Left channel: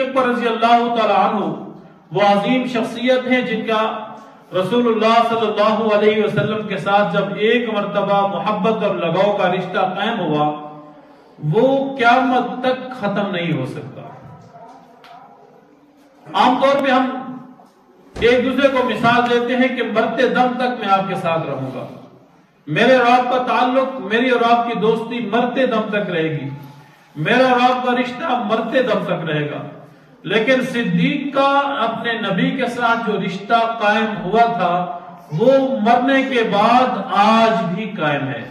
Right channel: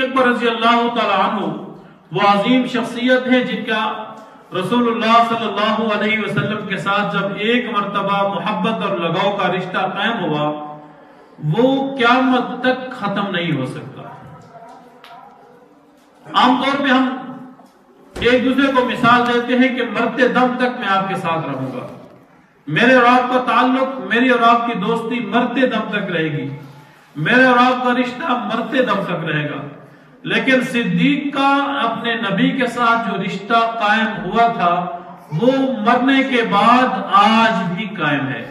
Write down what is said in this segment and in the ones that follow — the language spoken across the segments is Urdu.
صدیق اکبر رضی اللہ تعالی عنہ وہ عظیم شخصیت ہے جن کا رسول اللہ صلی اللہ علیہ وسلم کے ساتھ جب ایک مرتبہ محبت اور لگاؤ کا رشتہ قائم ہوا وہ قیامت تک ختم نہیں ہو سکتا۔ عام طور پہ ہم ایک دوسرے کو مثال دیتے ہیں کہ مرتے دم تک میں آپ کے ساتھ رہوں گا، میرے اور آپ کا تعلق، میری اور آپ کی دوستی مرتے دم تک رہے گی، میرے اور آپ کا رشتہ مرتے دم تک رہے گا۔ لیکن صدیق کا اپنے نبی کے ساتھ جو رشتہ قائم ہوا تھا وہ مرنے کے بعد آج بھی قائم ہے۔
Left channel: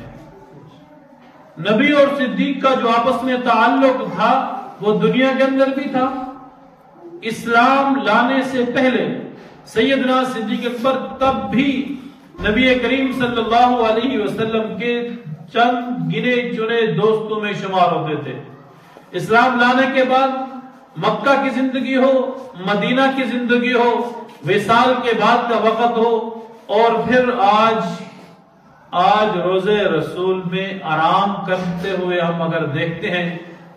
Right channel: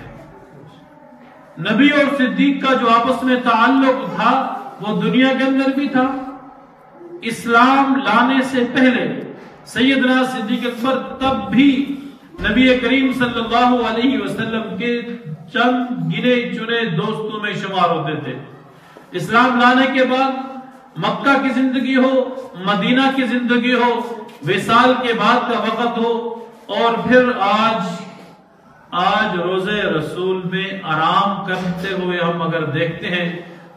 نبی اور صدیق کا جو آپس میں تعلق تھا وہ دنیا کے اندر بھی تھا۔ اسلام لانے سے پہلے سیدنا صدیق اکبر تب بھی نبی کریم صلی اللہ علیہ وسلم کے چند گنے چنے دوستوں میں شمار ہوتے تھے۔ اسلام لانے کے بعد مکہ کی زندگی ہو، مدینہ کی زندگی ہو، وصال کے بعد کا وقت ہو، اور پھر آج روزے رسول میں آرام کرتے ہوئے ہم اگر دیکھتے ہیں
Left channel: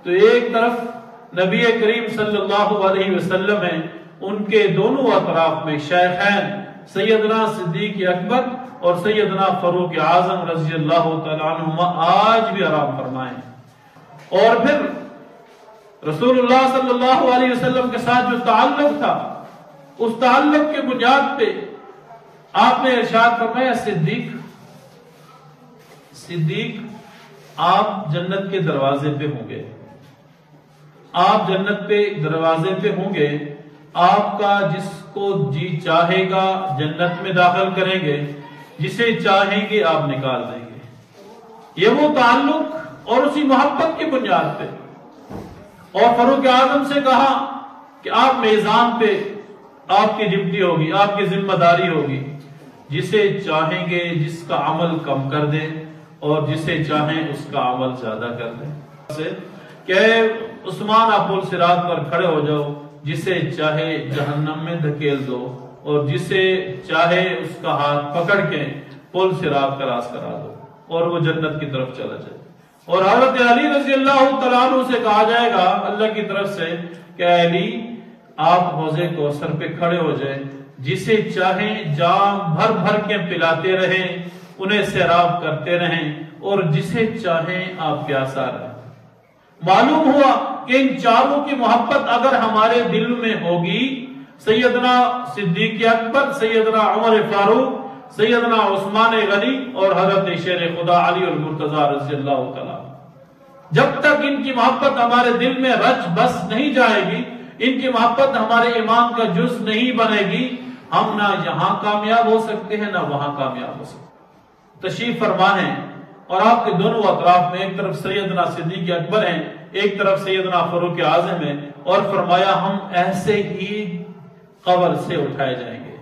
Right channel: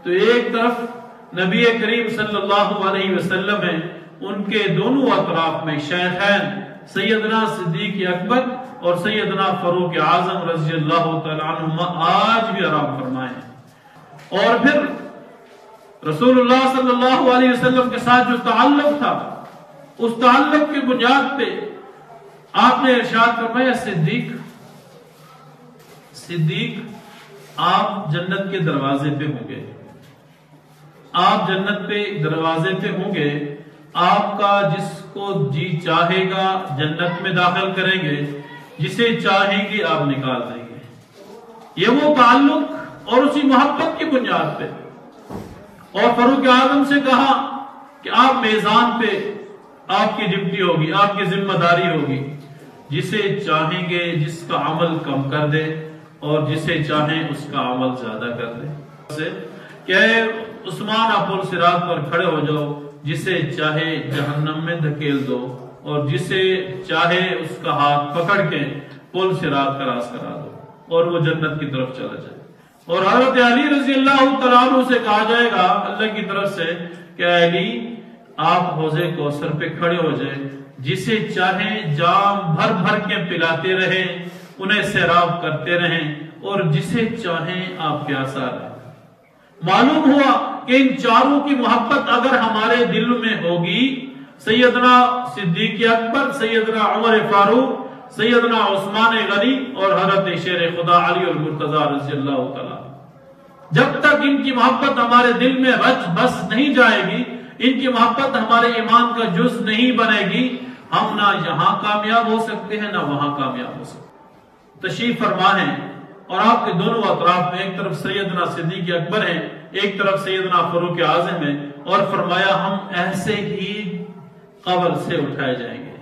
تو ایک طرف نبی کریم صلی اللہ علیہ وسلم ہیں، ان کے دونوں اطراف میں شیخین سیدنا صدیق اکبر اور سیدنا فاروق اعظم رضی اللہ تعالیٰ عنہما آج بھی آرام فرمائے۔ اور پھر رسول اللہ صلی اللہ علیہ وسلم کے ساتھ جو تعلق تھا اس تعلق کی بنیاد پہ آپ نے ارشاد فرمایا صدیق آپ جنت کے دروازے پہ ہوں گے، آپ جنت پہ دروازے پہ ہوں گے، آپ کا جس کو جی چاہے گا جنت میں داخل کریں گے، جسے چاہیں گے آپ نکال دیں گے۔ یہ وہ تعلق اور اسی محبت کی بنیاد پہ۔ اور فاروق اعظم سے کہا کہ آپ میزان پہ آپ کی ڈیوٹی ہوگی، آپ کی ذمہ داری ہوگی، جسے چاہیں گے جس کا عمل کم کر دے اور جسے چاہیں اس کا عمل زیادہ کر دے۔ کہ عثمان آپ پل صراط پر کھڑے ہو جاؤ، جسے چاہے جہنم میں دھکیل دو اور جسے چاہے اس کا ہاتھ پکڑ کے پل صراط کراس کرا دو اور وہ جنت کی طرف چلا جائے۔ اور حضرت علی رضی اللہ تعالیٰ عنہ سے کہا جائے گا اللہ کی طرف سے کہ علی آپ حوض کوثر پہ کھڑے ہو جائیں، جسے چاہیں جام بھر بھر کے پلاتے رہیں، انہیں سیراب کرتے رہیں، اور جسے چاہیں آپ پیاسا رہیں۔ معلوم ہوا کہ ان چاروں کی محبت اگر ہمارے دل میں ہوگی، سیدنا صدیق اکبر، سیدنا عمر فاروق، سیدنا عثمان غنی اور حضرت شیر خدا علی المرتضی رضی اللہ تعالیٰ، جب تک ان کی محبت ہمارے دل میں رچ بس نہیں جائے گی، ان کی محبت ہمارے ایمان کا جز نہیں بنے گی، ہم نہ یہاں کامیاب ہو سکتے ہیں نہ وہاں کامیاب ہو سکتے ہیں۔ تشریف فرما ہیں اور آپ کے دونوں اطراف میں ایک طرف سیدنا صدیق اکبر ہیں، ایک طرف سیدنا فاروق اعظم ہیں، اور فرمایا ہم ایسے ہی قبر سے اٹھائے جائیں گے،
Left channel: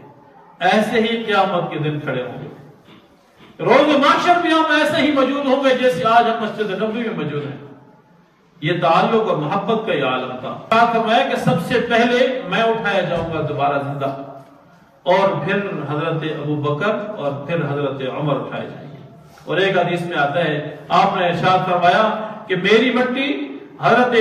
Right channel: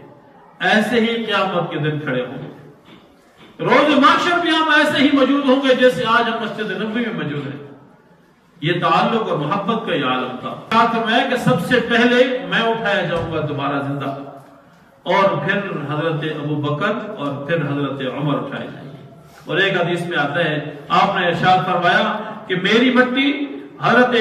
ایسے ہی قیامت کے دن کھڑے ہوں گے، روز محشر بھی ہم ایسے ہی موجود ہوں گے جیسے آج ہم مسجد نبوی میں موجود ہیں۔ یہ تعلق اور محبت کا یہ عالم تھا۔ کہا میں کہ سب سے پہلے میں اٹھایا جاؤں گا دوبارہ زندہ، اور پھر حضرت ابو بکر اور پھر حضرت عمر اٹھائے جائیں گے۔ اور ایک حدیث میں آتا ہے آپ نے ارشاد فرمایا کہ میری مٹی، حضرت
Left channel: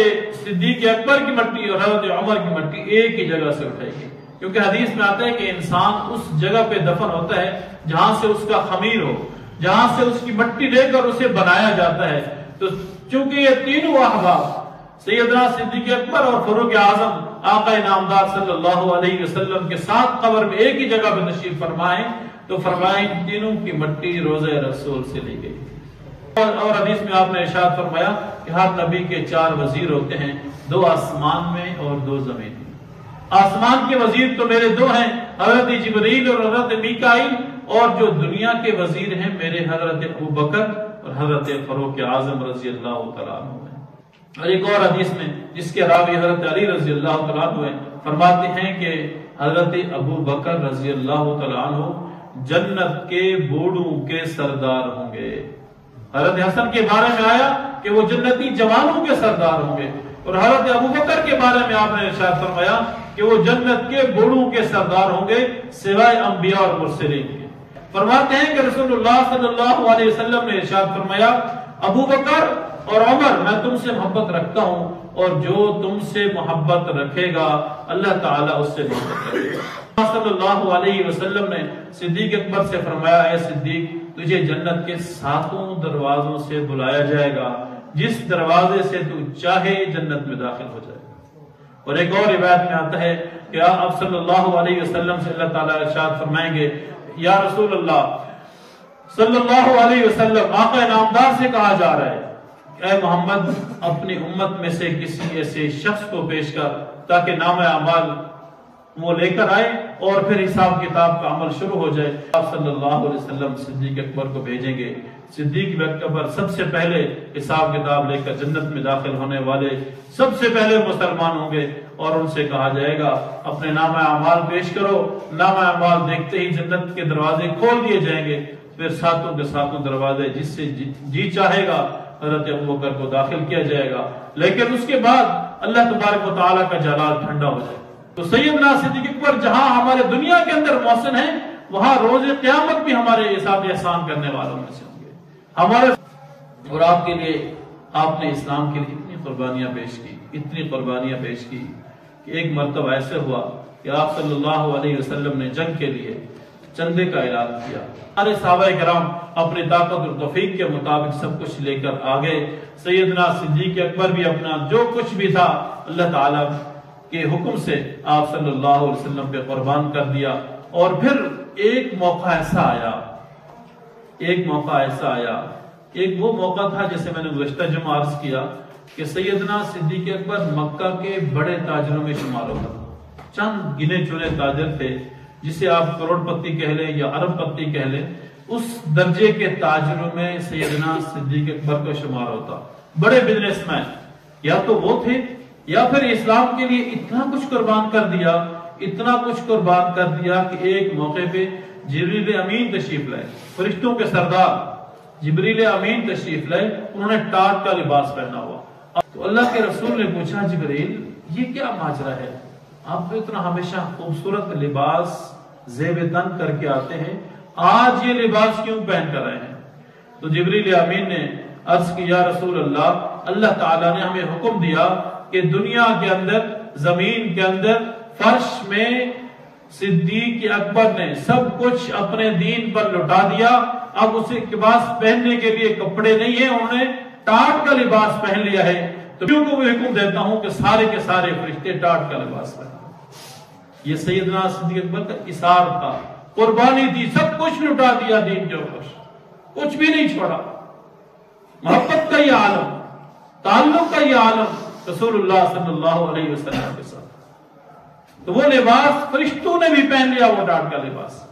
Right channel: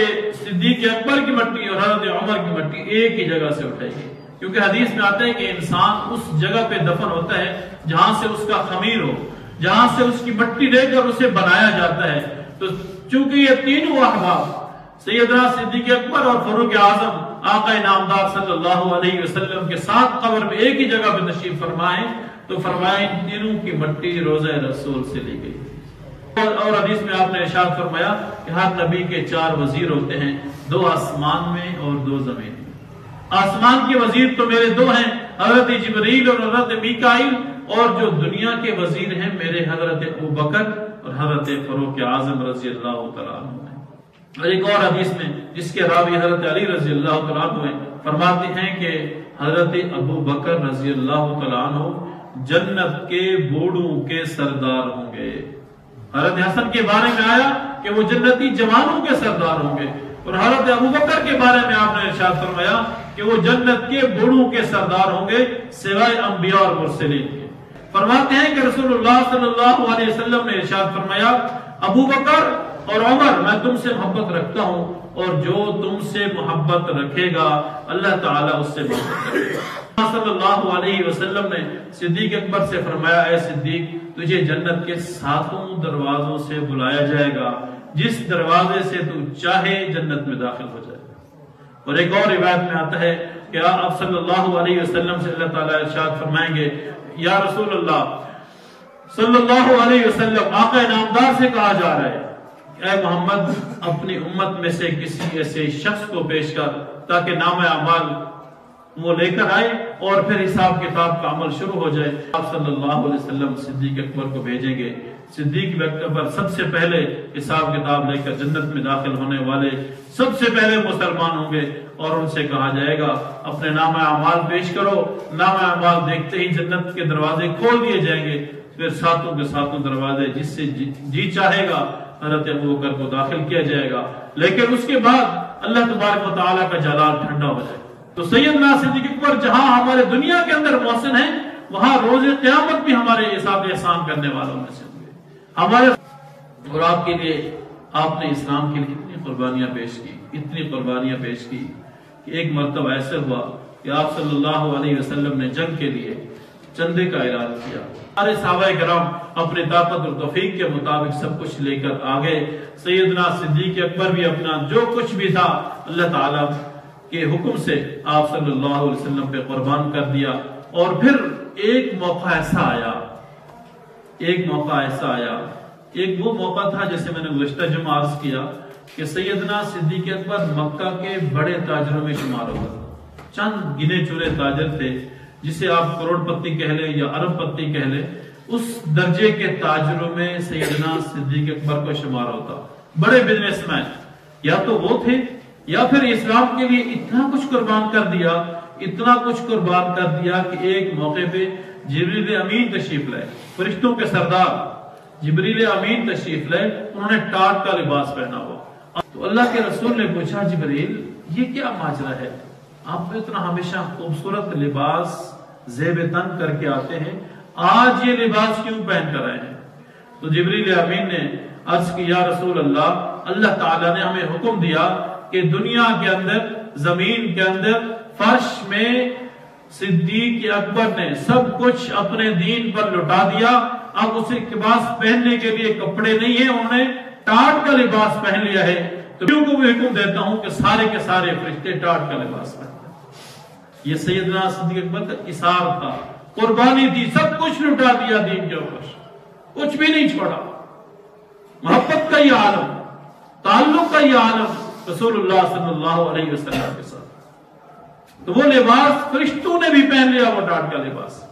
صدیق اکبر کی مٹی اور حضرت عمر کی مٹی ایک ہی جگہ سے اٹھائے گی، کیونکہ حدیث میں آتا ہے کہ انسان اس جگہ پہ دفن ہوتا ہے جہاں سے اس کا خمیر ہو، جہاں سے اس کی مٹی لے کر اسے بنایا جاتا ہے۔ تو چونکہ یہ تینوں احباب سیدنا صدیق اکبر اور فاروق اعظم آقا نامدار صلی اللہ علیہ وسلم کے ساتھ قبر میں ایک ہی جگہ پہ تشریف فرمائیں، تو فرمائیں تینوں کی مٹی روضہ رسول سے لی گئی۔ اور حدیث میں آپ نے ارشاد فرمایا کہ ہر نبی کے 4 وزیر ہوتے ہیں، 2 آسمان میں اور 2 زمین میں۔ آسمان کے وزیر تو میرے 2 ہیں، حضرت جبریل اور حضرت میکائیل، اور جو دنیا کے وزیر ہیں میرے حضرت ابوبکر اور حضرت فاروق اعظم رضی اللہ تعالیٰ عنہ ہیں۔ اور ایک اور حدیث میں جس کے راوی حضرت علی رضی اللہ تعالیٰ عنہ ہیں، فرماتے ہیں کہ حضرت ابوبکر رضی اللہ تعالیٰ عنہ جنت کے بوڑھوں کے سردار ہوں گے۔ حضرت حسن کے بارے میں آیا کہ وہ جنتی جوانوں کے سردار ہوں گے، اور حضرت ابوبکر کے بارے میں آپ نے ارشاد فرمایا کہ وہ جنت کے بوڑھوں کے سردار ہوں گے سوائے انبیاء اور مرسلین کے۔ فرماتے ہیں کہ رسول اللہ صلی اللہ علیہ وسلم نے ارشاد فرمایا ابوبکر اور عمر میں تم سے محبت رکھتا ہوں، اور جو تم سے محبت رکھے گا اللہ تعالیٰ اس سے محبت کرے گا۔ صلی اللہ علیہ وسلم نے صدیق اکبر سے فرمایا، اے صدیق تجھے جنت کے 7 دروازوں سے بلایا جائے گا، جس دروازے سے تو چاہے جنت میں داخل ہو جائے گا۔ اور ایک اور روایت میں آتا ہے کہ آپ صلی اللہ علیہ وسلم سے اللہ تعالیٰ ارشاد فرمائیں گے، یا رسول اللہ صلی اللہ علیہ وسلم، آقا نامدار سے کہا جا رہا ہے اے محمد اپنی امت میں سے کسی ایسے شخص کو پیش کر تاکہ نام اعمال وہ لے کر آئے اور پھر حساب کتاب کا عمل شروع ہو جائے۔ آپ صلی اللہ علیہ وسلم صدیق اکبر کو بھیجیں گے۔ صدیق اکبر سب سے پہلے حساب کتاب لے کر جنت میں داخل ہونے والے سب سے پہلے مسلمان ہوں گے، اور ان سے کہا جائے گا اپنے نام اعمال پیش کرو۔ نام اعمال دیکھتے ہی جنت کے دروازے کھول دیے جائیں گے، پھر 7 کے 7 دروازے جس سے جی چاہے گا حضرت ابوبکر کو داخل کیا جائے گا، لیکن اس کے بعد اللہ تبارک و تعالیٰ کا جلال ٹھنڈا ہو جائے گا۔ تو سیدنا صدیق اکبر جہاں ہمارے دنیا کے اندر محسن ہیں، وہاں روز قیامت بھی ہمارے حساب احسان کرنے والوں میں سے ہوں گے۔ ہمارے اور آپ کے لیے آپ نے اسلام کے لیے اتنی قربانیاں پیش کی، اتنی قربانیاں پیش کی کہ ایک مرتبہ ایسے ہوا کہ آپ صلی اللہ علیہ وسلم نے جنگ کے لیے چندے کا اعلان کیا۔ سارے صحابہ کرام اپنے طاقت اور توفیق کے مطابق سب کچھ لے کر آگے۔ سیدنا صدیق اکبر بھی اپنا جو کچھ بھی تھا اللہ تعالیٰ کے حکم سے آپ صلی اللہ علیہ وسلم پہ قربان کر دیا۔ اور پھر ایک موقع ایسا آیا، ایک وہ موقع تھا جیسے میں نے گزشتہ جمعہ عرض کیا کہ سیدنا صدیق اکبر مکہ کے بڑے تاجروں میں شمار ہوتا تھا۔ چند گنے چنے تاجر تھے، جسے آپ کروڑ پتی کہہ لیں یا ارب پتی کہہ لیں، اس درجے کے تاجروں میں سیدنا صدیق اکبر کو شمار ہوتا۔ بڑے بزنس مین یا تو وہ تھے یا پھر اسلام کے لیے اتنا کچھ قربان کر دیا کہ ایک موقع پہ جبریل امین تشریف لائے، فرشتوں کے سردار جبریل امین تشریف لائے، انہوں نے ٹاٹ کا لباس پہنا ہوا۔ تو اللہ کے رسول نے پوچھا جبریل یہ کیا ماجرا ہے، آپ اتنا ہمیشہ خوبصورت لباس زیب تن کر کے آتے ہیں، آج یہ لباس کیوں پہن کر آئے ہیں؟ تو جبریل امین نے عرض کی یا رسول اللہ تعالیٰ نے ہمیں حکم دیا کہ دنیا کے اندر، زمین کے اندر، فرش میں صدیق اکبر نے سب کچھ اپنے دین پر لٹا دیا، اب اسے لباس پہننے کے لیے کپڑے نہیں ہیں، انہوں نے ٹاٹ کا لباس پہن لیا ہے۔ تو کیوں کو بھی حکم دیتا ہوں کہ سارے کے سارے فرشتے ٹاٹ کا لباس پہن۔ یہ سیدنا صدیق اکبر کا اثار تھا، قربانی دی، سب کچھ لٹا دیا دین کے اوپر، کچھ بھی نہیں چھوڑا۔ محبت کا یہ عالم، تعلق کا یہ عالم رسول اللہ صلی اللہ علیہ وسلم کے ساتھ۔ تو وہ لباس فرشتوں نے بھی پہن لیا، وہ ٹاٹ کا لباس۔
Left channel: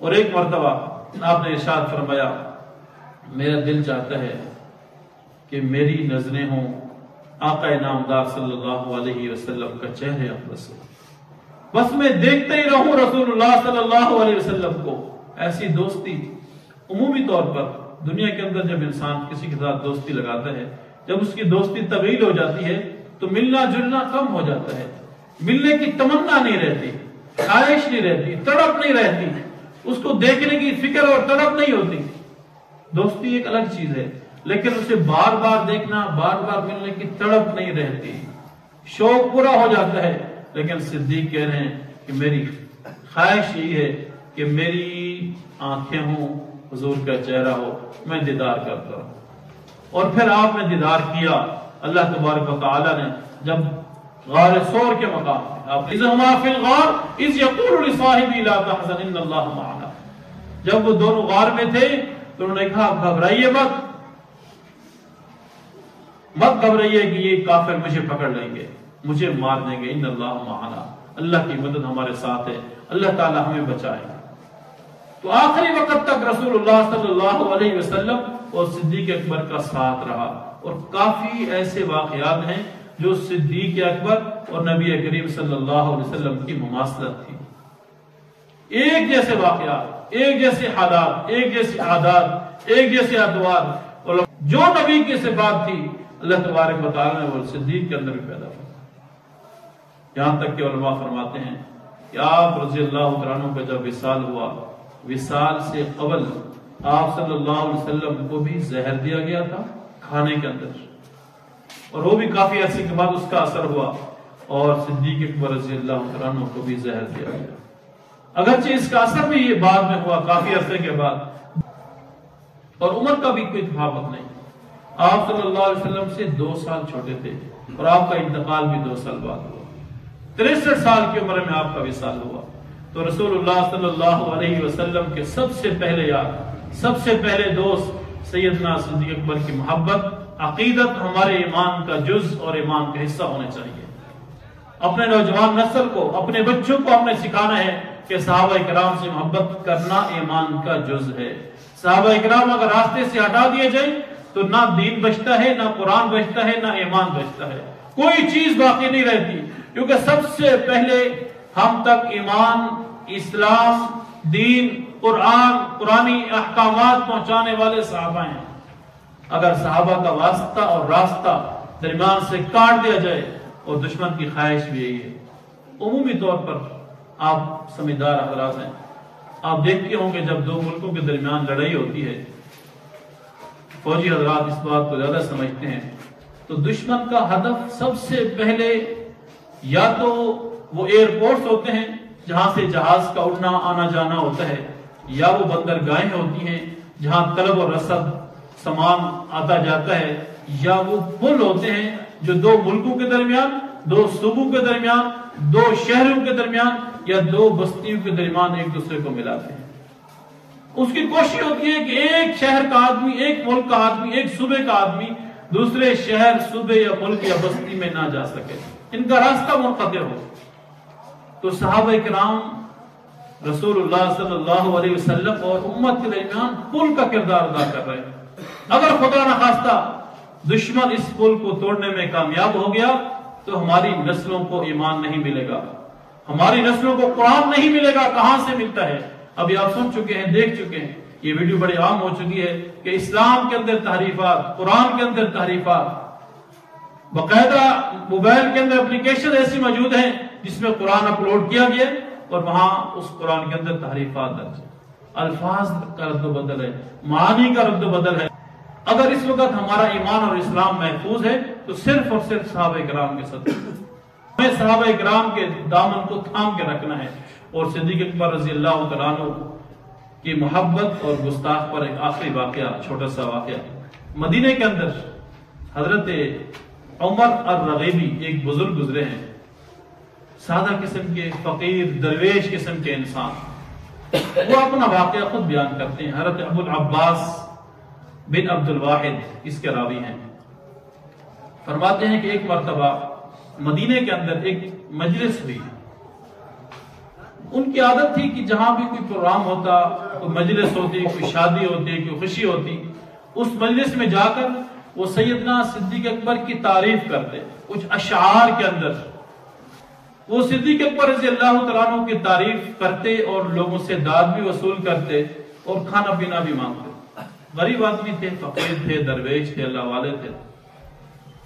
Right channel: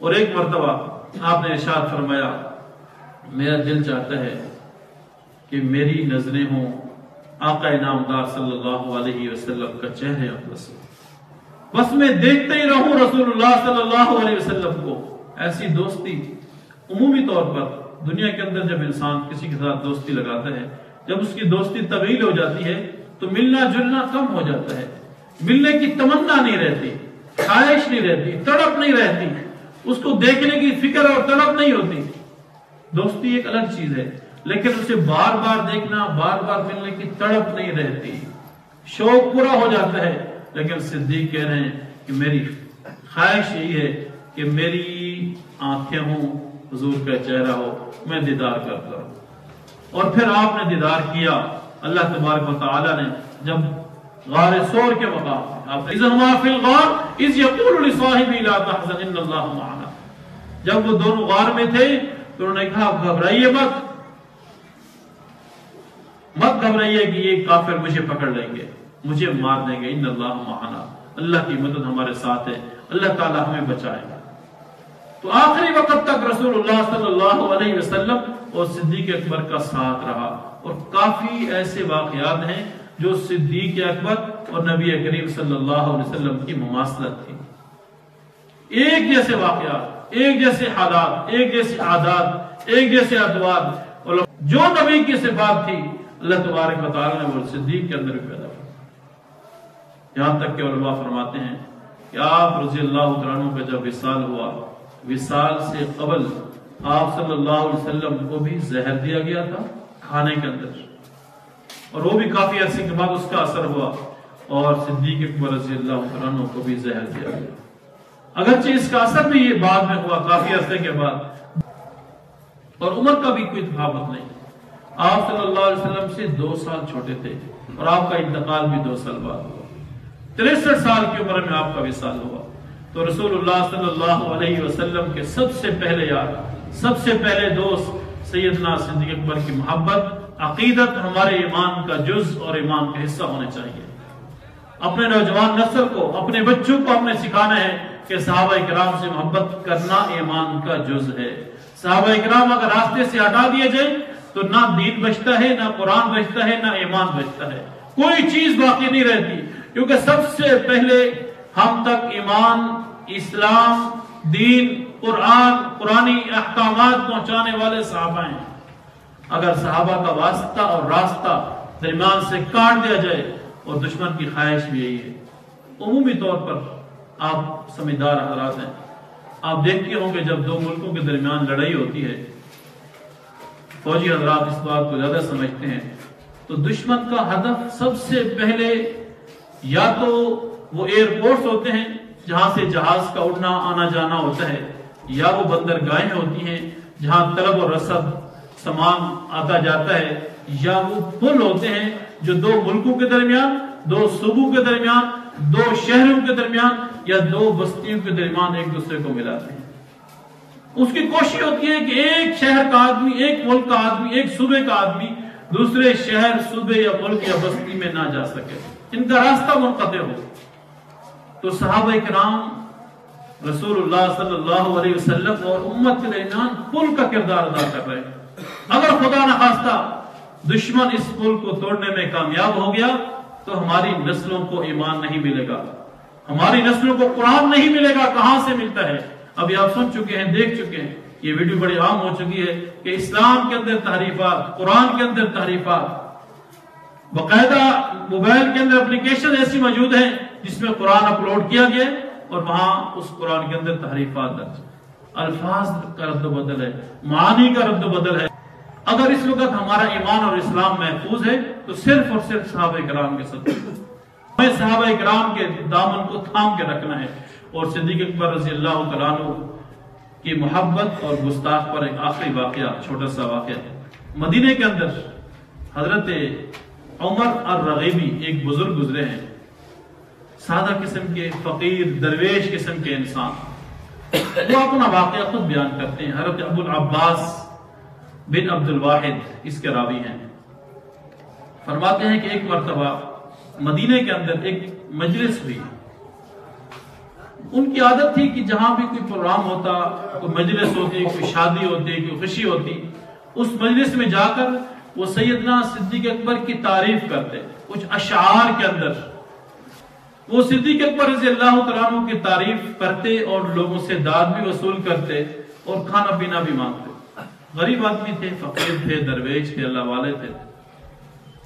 اور ایک مرتبہ آپ نے ارشاد فرمایا میرا دل چاہتا ہے کہ میری نظریں ہوں آقا نامدار صلی اللہ علیہ وسلم کا چہرے اقدس، بس میں دیکھتے ہی رہوں رسول اللہ صلی اللہ علیہ وسلم کو۔ ایسی دوستی عمومی طور پر دنیا کے اندر جب انسان کسی کے ساتھ دوستی لگاتا ہے، جب اس کی دوستی طویل ہو جاتی ہے تو ملنا جلنا کم ہو جاتا ہے، ملنے کی تمنا نہیں رہتی، خواہش نہیں رہتی، تڑپ نہیں رہتی، اس کو دیکھنے کی فکر اور تڑپ نہیں ہوتی۔ دوستی ایک الگ چیز ہے، لیکن اسے بار بار دیکھنا، بار بار ملنے کی تڑپ نہیں رہتی، شوق پورا ہو جاتا ہے۔ لیکن صدیق کہہ رہے ہیں کہ میری خواہش یہی ہے کہ میری آنکھیں ہوں، حضور کا چہرہ ہو، میں دیدار کرتا ہوں۔ اور پھر آپ نے دیدار کیا۔ اللہ تبارک و تعالی نے جب غار ثور کے مقام پہ آپ اذ ہما فی الغار اذ یقول لصاحبہ لا تحزن ان اللہ معنا، جب وہ دونوں غار میں تھے تو انہوں نے کہا گھبرائیے مت گھبرائیے کہ یہ کافر مجھے پکڑ لیں گے، مجھے مار دیں گے، ان اللہ معنا، اللہ کی مدد ہمارے ساتھ ہے، اللہ تعالی ہمیں بچائے گا۔ تو آخری وقت تک رسول اللہ صلی اللہ علیہ وسلم اور صدیق اکبر کا ساتھ رہا۔ اور کافی ایسے واقعات ہیں جو صدیق اکبر اور نبی کریم صلی اللہ علیہ وسلم کی مماثلت تھی، ایک جیسے واقعات، ایک جیسے حالات، ایک جیسے عادات، ایک جیسے ادوار، اور جو نبی کی صفات تھی اللہ تبارک و تعالی نے وہ صدیق کے اندر بھی پیدا کیا۔ یہاں تک کہ علماء فرماتے ہیں کہ آپ رضی اللہ عنہ کا جب وصال ہوا، وصال سے قبل آپ صلی اللہ علیہ وسلم کو بھی زہر دیا گیا تھا کھانے کے اندر، اور وہ بھی کافی عرصے کے بعد اس کا اثر ہوا اور صدیق اکبر رضی اللہ عنہ کو بھی زہر دیا گیا. اگرچہ اس کا اثر بھی یہ بعد میں ہوا کافی عرصے کے بعد، اور عمر کا بھی کوئی تفاوت نہیں. آپ صلی اللہ علیہ وسلم سے 2 سال چھوٹے تھے اور آپ کا انتقال بھی 2 سال بعد ہوا. 63 سال کی عمر میں آپ کا وصال ہوا. تو رسول اللہ صلی اللہ علیہ وسلم کے سب سے پہلے یار، سب سے پہلے دوست سیدنا صدیق اکبر کی محبت، عقیدت ہمارے ایمان کا جز اور ایمان کا حصہ ہونا چاہیے. اپنے نوجوان نسل کو، اپنے بچوں کو ہم نے سکھانا ہے کہ صحابہ کرام سے محبت کرنا ایمان کا جز ہے. صحابہ کرام اگر راستے سے ہٹا دیے جائیں تو نہ دین بچتا ہے، نہ قرآن بچتا ہے، نہ ایمان بچتا ہے، کوئی چیز باقی نہیں رہتی. کیونکہ سب سے پہلے ہم تک ایمان، اسلام، دین، قرآن، قرآنی احکامات پہنچانے والے صحابہ ہیں. اگر صحابہ کا واسطہ اور راستہ درمیان سے کاٹ دیا جائے، اور دشمن کی خواہش بھی یہی ہے. عمومی طور پر آپ سمجھدار حضرات ہیں، آپ دیکھتے ہوں کہ جب 2 ملکوں کے درمیان لڑائی ہوتی ہے، فوجی حضرات اس بات کو زیادہ سمجھتے ہیں، تو دشمن کا ہدف سب سے پہلے یا تو وہ ایئرپورٹس ہوتے ہیں جہاں سے جہاز کا اڑنا آنا جانا ہوتا ہے، یا وہ بندرگاہیں ہوتی ہیں جہاں طلب اور رسد سامان آتا جاتا ہے، یا وہ پل ہوتے ہیں جو 2 ملکوں کے درمیان، 2 صوبوں کے درمیان، 2 شہروں کے درمیان یا 2 بستیوں کے درمیان ایک دوسرے کو ملاتے ہیں. اس کی کوشش ہوتی ہے کہ ایک شہر کا آدمی، ایک ملک کا آدمی، ایک صوبے کا آدمی دوسرے شہر، صوبے یا ملک یا بستی میں نہ جا سکے، ان کا راستہ منقطع ہو. تو صحابہ کرام رسول اللہ صلی اللہ علیہ وسلم اور امت کے درمیان پل کا کردار ادا کر رہے ہیں. اگر خدا نخواستہ دشمن اس پل کو توڑنے میں کامیاب ہو گیا تو ہماری نسلوں کو ایمان نہیں ملے گا، ہماری نسلوں کو قرآن نہیں ملے گا. کہاں سے ملتا ہے؟ ابھی آپ سن چکے ہیں، دیکھ چکے ہیں، یہ ویڈیو بڑی عام ہو چکی ہے کہ اسلام کے اندر تحریفات، قرآن کے اندر تحریفات، باقاعدہ موبائل کے اندر اپلیکیشن ایسی موجود ہیں جس میں قرآن اپلوڈ کیا گیا اور وہاں اس قرآن کے اندر تحریفات درج، الفاظ کا رد و بدل ہے، معانی کا رد و بدل ہے. اگر اس وقت ہمارا ایمان اور اسلام محفوظ ہے تو صرف اور صرف صحابہ کرام کے صدقے. ہمیں صحابہ کرام کے دامن کو تھام کے رکھنا ہے. اور صدیق اکبر رضی اللہ تعالیٰ عنہ کی محبت اور گستاخ پر ایک آخری واقعہ، چھوٹا سا واقعہ. مدینے کے اندر حضرت عمر الرغیبی ایک بزرگ گزرے ہیں، سادہ قسم کے فقیر درویش قسم کے انسان. وہ اپنا واقعہ خود بیان کرتے ہیں. حضرت ابو العباس بن عبد الواحد اس کے راوی ہیں. فرماتے ہیں کہ ایک مرتبہ مدینے کے اندر ایک مجلس ہوئی. ان کی عادت تھی کہ جہاں بھی کوئی پروگرام ہوتا، کوئی مجلس ہوتی، کوئی شادی ہوتی، کوئی خوشی ہوتی، اس مجلس میں جا کر وہ سیدنا صدیق اکبر کی تعریف کرتے. کچھ اشعار کے اندر وہ صدیق اکبر رضی اللہ تعالیٰ عنہ کی تعریف کرتے اور لوگوں سے داد بھی وصول کرتے اور کھانا پینا بھی مانگتے. غریب آدمی تھے، فقیر تھے، درویش تھے، اللہ والے تھے.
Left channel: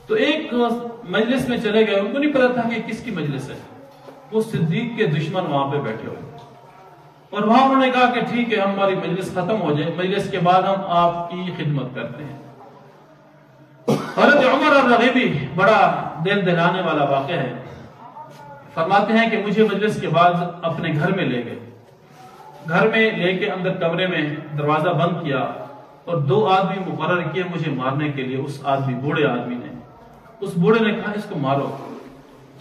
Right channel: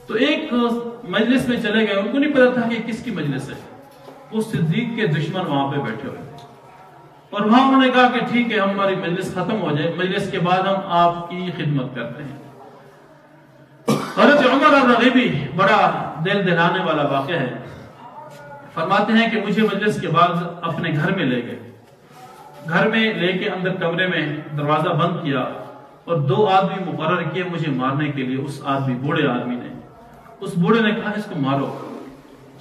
تو ایک مجلس میں چلے گئے، ان کو نہیں پتا تھا کہ کس کی مجلس ہے. وہ صدیق کے دشمن وہاں پہ بیٹھے ہوئے اور وہاں انہوں نے کہا کہ ٹھیک ہے، ہماری مجلس ختم ہو جائے، مجلس کے بعد ہم آپ کی خدمت کرتے ہیں. حضرت عمر الرغیبی بڑا دل دہلانے والا واقعہ ہے. فرماتے ہیں کہ مجھے مجلس کے بعد اپنے گھر میں لے گئے. گھر میں لے کے اندر کمرے میں دروازہ بند کیا اور 2 آدمی مقرر کیے مجھے مارنے کے لیے. اس آدمی، بوڑھے آدمی نے، اس بوڑھے نے کہا اس کو مارو.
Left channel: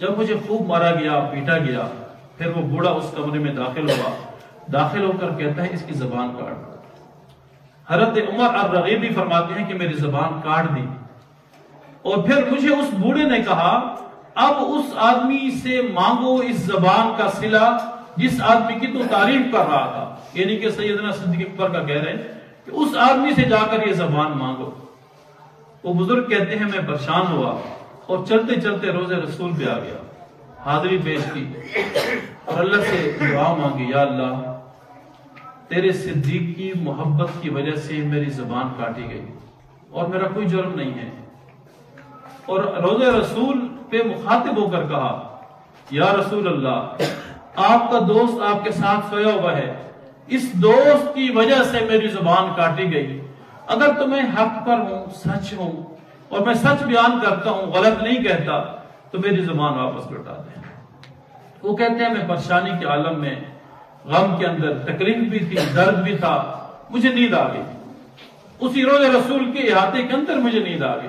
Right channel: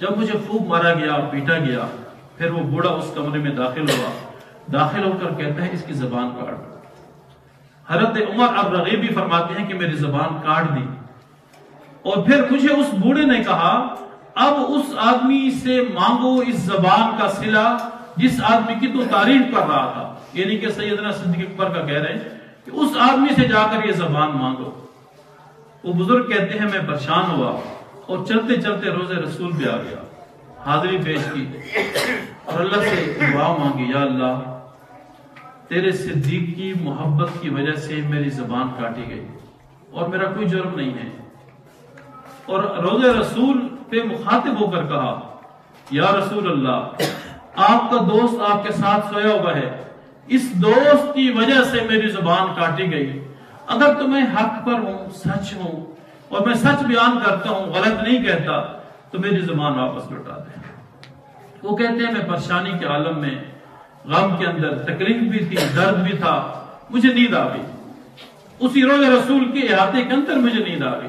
جب مجھے خوب مارا گیا، پیٹا گیا، پھر وہ بوڑھا اس کمرے میں داخل ہوا. داخل ہو کر کہتا ہے اس کی زبان کاٹ. حضرت عمر الرغیبی فرماتے ہیں کہ میری زبان کاٹ دی. اور پھر مجھے اس بوڑھے نے کہا اب اس آدمی سے مانگو اس زبان کا صلہ جس آدمی کی تو تعریف کر رہا تھا. یعنی کہ سیدنا صدیق اکبر کا کہہ رہے ہیں کہ اس آدمی سے جا کر یہ زبان مانگو. وہ بزرگ کہتے ہیں میں پریشان ہوا اور چلتے چلتے روزے رسول پہ آ گیا، حاضری پیش کی اور اللہ سے دعا مانگی، یا اللہ تیرے صدیق کی محبت کی وجہ سے میری زبان کاٹی گئی اور میرا کوئی جرم نہیں ہے. اور روزے رسول پہ مخاطب ہو کر کہا یا رسول اللہ آپ کا دوست آپ کے ساتھ سویا ہوا ہے، اس دوست کی وجہ سے میری زبان کاٹی گئی. اگر تمہیں حق پر ہوں، سچ ہوں اور میں سچ بیان کرتا ہوں، غلط نہیں کہتا، تو میری زبان واپس لوٹا دیں۔ وہ کہتے ہیں میں پریشانی کے عالم میں، غم کے اندر تکلیف بھی تھی، درد بھی تھا، مجھے نیند آ گئی، اسی روضہ رسول کے احاطے کے اندر مجھے نیند آ گئی۔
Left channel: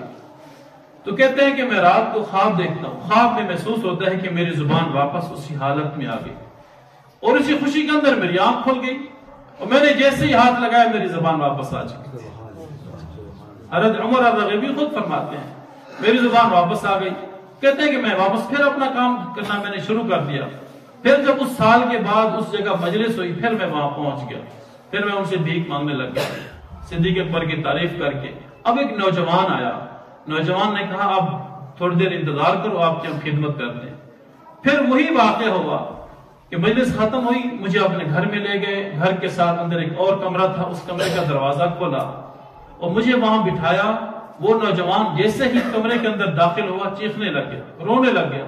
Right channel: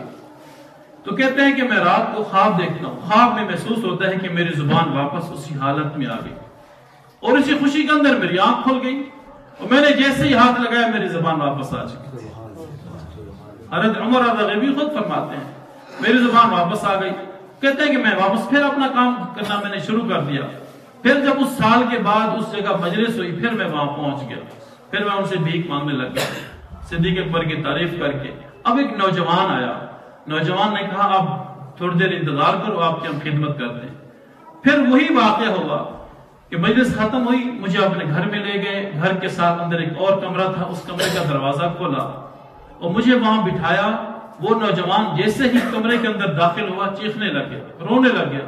تو کہتے ہیں کہ میں رات کو خواب دیکھتا ہوں، خواب میں محسوس ہوتا ہے کہ میری زبان واپس اسی حالت میں آ گئی، اور اسی خوشی کے اندر میری آنکھ کھل گئی، اور میں نے جیسے ہی ہاتھ لگایا میری زبان واپس آ چکی۔ حضرت عمر غیبی خود فرماتے ہیں میری زبان واپس آ گئی۔ کہتے ہیں کہ میں واپس پھر اپنا کام کرنا میں نے شروع کر دیا۔ پھر جب اس سال کے بعد اس جگہ مجلس ہوئی، پھر میں وہاں پہنچ گیا، پھر میں ان سے بھیک مانگنے لگ گیا، صدیق اکبر کی تعریف کر کے۔ اب ایک نوجوان آیا، نوجوان نے کہا اب تھوڑی دیر انتظار کرو، آپ کی ہم خدمت کرتے ہیں۔ پھر وہی واقعہ ہوا کہ مجلس ختم ہوئی، مجھے اپنے گھر میں لے گئے، گھر کے ساتھ اندر ایک اور کمرہ تھا، اس کمرے کا دروازہ کھولا اور مجھے وہاں بٹھایا۔ وہ نوجوان جیسے ہی کمرے کے اندر داخل ہوا چیخنے لگ گیا، رونے لگ گیا۔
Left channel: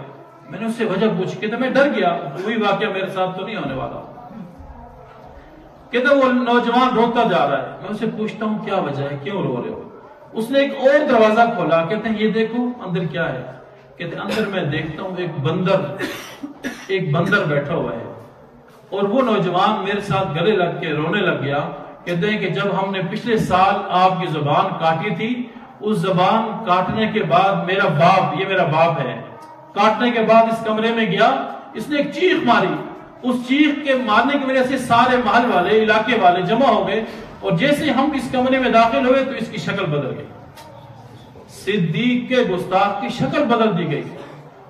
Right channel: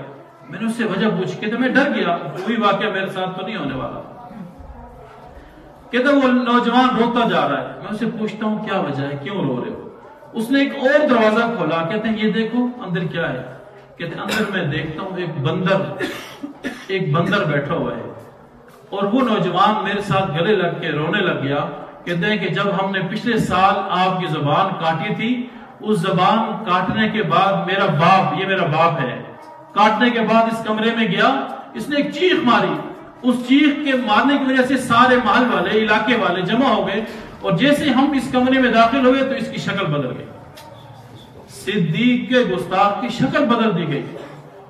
میں نے اس سے وجہ پوچھی، کہتا میں ڈر گیا، وہی واقعہ میرے ساتھ تو نہیں ہونے والا۔ کہتا وہ نوجوان روتا جا رہا ہے، میں اسے پوچھتا ہوں کیا وجہ ہے، کیوں رو رہے ہو؟ اس نے ایک اور دروازہ کھولا، کہتے ہیں یہ دیکھو اندر کیا ہے۔ کہتے ہیں اندر میں دیکھتا ہوں ایک بندر بیٹھا ہوا ہے، اور وہ نوجوان میرے ساتھ گلے لگ کے رونے لگ گیا۔ کہتے ہیں کہ جب ہم نے پچھلے سال آپ کی زبان کاٹی تھی، اس زبان کاٹنے کے بعد میرا باپ، یہ میرا باپ ہے، کاٹنے کے بعد اس کمرے میں گیا، اس نے ایک چیخ ماری، اس چیخ کے مارنے کی وجہ سے سارے محل والے، علاقے والے جمع ہو گئے، اور جیسے ہم اس کمرے میں داخل ہوئے تو اس کی شکل بدل گئی، صدیق کے گستاخ کی شکل بدل دی گئی۔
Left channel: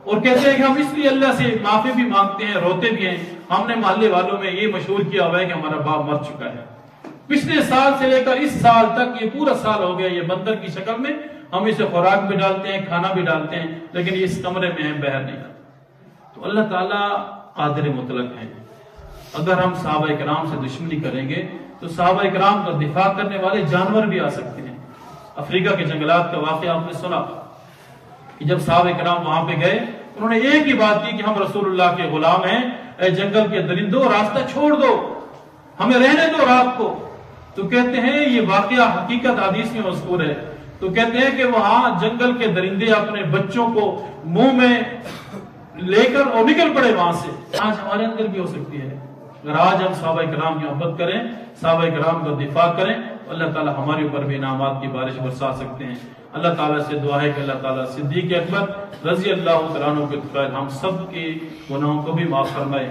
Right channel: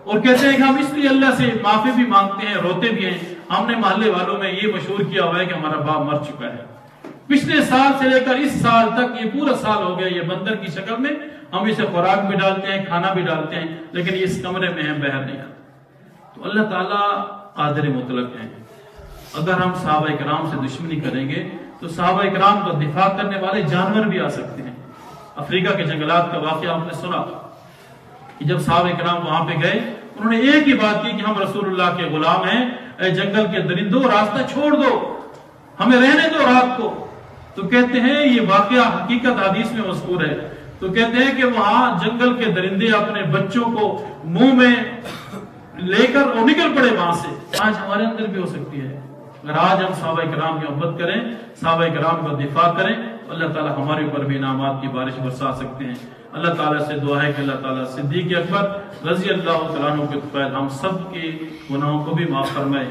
اور کہتے ہیں کہ ہم اس لیے اللہ سے معافی بھی مانگتے ہیں، روتے بھی ہیں، ہم نے محلے والوں میں یہ مشہور کیا ہوا ہے کہ ہمارا باپ مر چکا ہے۔ پچھلے سال سے لے کر اس سال تک، یہ پورا سال ہو گیا، یہ بندر کی شکل میں ہم اسے خوراک بھی ڈالتے ہیں، کھانا بھی ڈالتے ہیں، لیکن اس کمرے میں ہم باہر نہیں آتے۔ تو اللہ تعالیٰ قادر مطلق ہیں۔ اگر ہم صحابہ کرام سے دشمنی کریں گے تو صحابہ کرام کا دفاع کرنے والے جانور بھی آ سکتے ہیں۔ افریقہ کے جنگلات کا واقعہ آپ نے سنا کہ جب صحابہ کرام وہاں پہ گئے، انہوں نے ایک ہی بات کی کہ ہم رسول اللہ کے غلام ہیں، اے جنگل کے درندوں راستہ چھوڑ دو، ہمیں رہنے دو رات کو۔ تو کہتے ہیں یہ واقعہ حقیقت حدیث میں مذکور ہے، تو کہتے ہیں کہ وہاں جنگل کے درندے اپنے بچوں کو منہ میں لے کر اور نکل پڑے وہاں سے۔ آج ہمارے اندر بھی ہو سکتی ہے، اگر آج ہم صحابہ کرام کی محبت کریں، صحابہ کرام کا دفاع کریں، اللہ تعالیٰ ہمارے اوپر بھی انعامات کی بارش برسا سکتے ہیں۔ اللہ تعالیٰ سے دعا ہے کہ اللہ تعالیٰ صدیق اکبر رضی اللہ تعالیٰ عنہ کے فضل ہم سب کے گناہوں کو بھی معاف فرمائے۔